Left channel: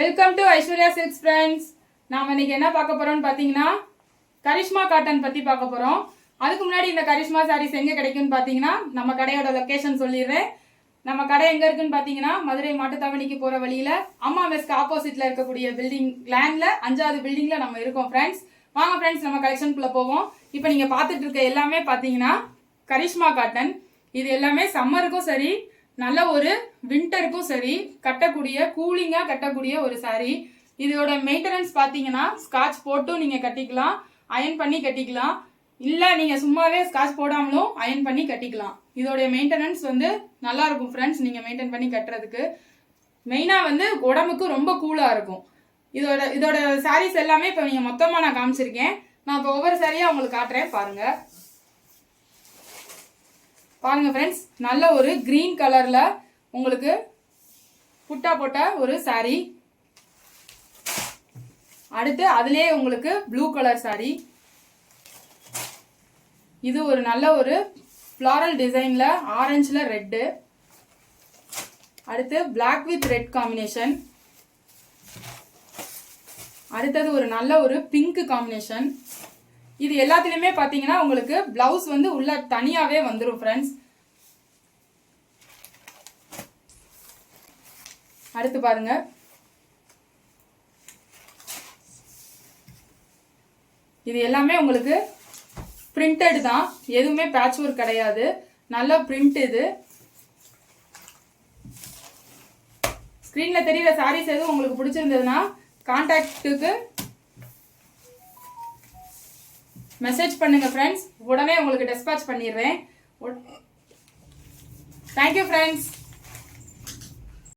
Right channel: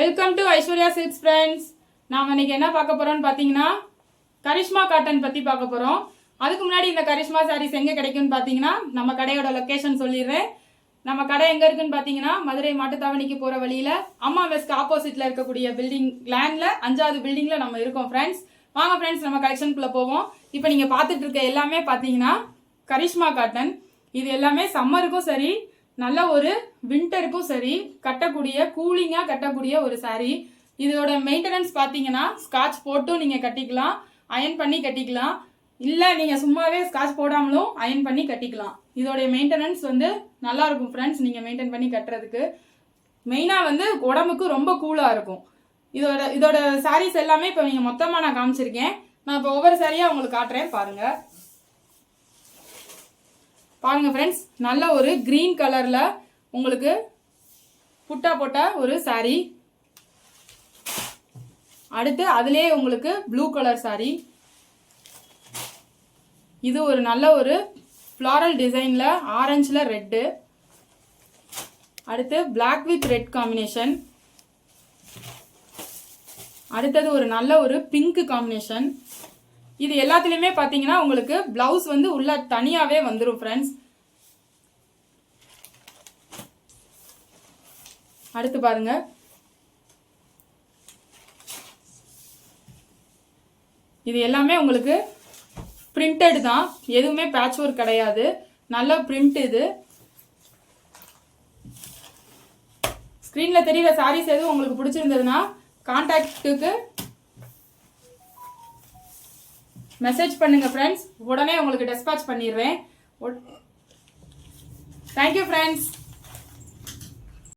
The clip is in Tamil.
Welcome to Aishwarya silks friends. நாம இன்னைக்கு என்ன பார்க்க போறோம்னு பாத்தீங்கன்னா கரிஷ்மா காட்டன் பத்தி பார்க்க போறோம். அதுக்கு முன்னாடி இந்த கரிஷ்மா சாரீஸ் எங்க கிடைக்கும்னு பாத்தீங்கன்னா நம்ம கடையோட லொகேஷன் சொல்லிடுறேன். நம்ம கடை எங்க இருக்குன்னு பாத்தீங்கன்னா மதுரை மாட்டுத்தாவணிக்கு போற வழியில அம்மா மெஸ்க்கு ஆப்போசிட்ல இருக்கக்கூடிய பில்டிங் லேண்ட்ல 5வது பில்டிங்ல நம்ம இருக்கோம் ஃப்ரெண்ட்ஸ். வாங்க ஃப்ரெண்ட்ஸ் நம்ம கலெக்ஷனுக்குள்ள போவோம். இப்போ நீங்க பாத்துட்டு இருக்க எல்லாமே பாத்தீங்கன்னா கரிஷ்மா காட்டன். இது எல்லாமே சம்மருக்கும் சரி நல்ல ஒரு விண்டருக்கும் சரி கட்டக்கூடிய கூலிங்கா கட்டக்கூடிய ஒரு சாரி. இதோட மெயின்டெனன்ஸ் பாத்தீங்கன்னா ஸ்காட்ச் போட்டும் நீங்க கட்டிக்கலாம், அயன் பண்ணி கட்டிக்கலாம், இல்ல நீங்க சும்மாவே ஸ்காட்ச் போடாமலும் அயன் பண்ணி கட்டிக்கலாம். இதோட மெயின்டெனன்ஸ் நல்லா இருக்கும் ஃப்ரெண்ட்ஸ். நீங்க மெயின்டைன் பண்ணி கட்டுறதுக்கு மெயினா உடம்புக்கு ரொம்ப கூலா இருக்கும். இதோட சாரீஸ் எல்லாமே இப்ப நீங்க மொத்தமா நான் காமிச்சிருக்கேன். நான் இப்ப ஒவ்வொரு சாரியா உங்களுக்கு காட்டுறேன் பாருங்க. பாருங்க ஃப்ரெண்ட்ஸ், நல்ல ஒரு கிரீன் கலர்ல உங்களுக்கு புட்டா போட்ட ஒரு சாரி. அடுத்து அதுலயே உங்களுக்கு ப்ளூ கலர் சாரி. இது ஒரு நல்ல ஒரு ஃப்ளாரல் டிசைன்ல ஆரஞ்சுல ரெட்டு. அடுத்து பிளாக் வித் ரெட் காம்பினேஷன். அடுத்தது ஒரு நல்ல ஒரு பிங்க் காம்பினேஷன். இது எல்லாத்துலயுமே பாத்தீங்கன்னா உங்களுக்கு பிளவுஸ் உள்ள தனியாவே வந்துரும் ஃப்ரெண்ட்ஸ். அடுத்து பாருங்க, இது எல்லாமே உங்களுக்கு பிரிண்டட் தான், எதுவுமே பேட்ச் ஒர்க் கிடையாது. நல்ல பிரிண்ட். இது ஸ்கிரீன்ல தெரியுற சாரீஸ் எதுவும் உங்களுக்கு பிடிச்சிருந்ததுன்னா கான்டாக்டுக்கு மெசேஜ் பண்ணுங்க ஃப்ரெண்ட்ஸ். உடனே உங்களுக்கு டிஸ்பேட்ச் பண்ணிடுறேன். Thank you friends.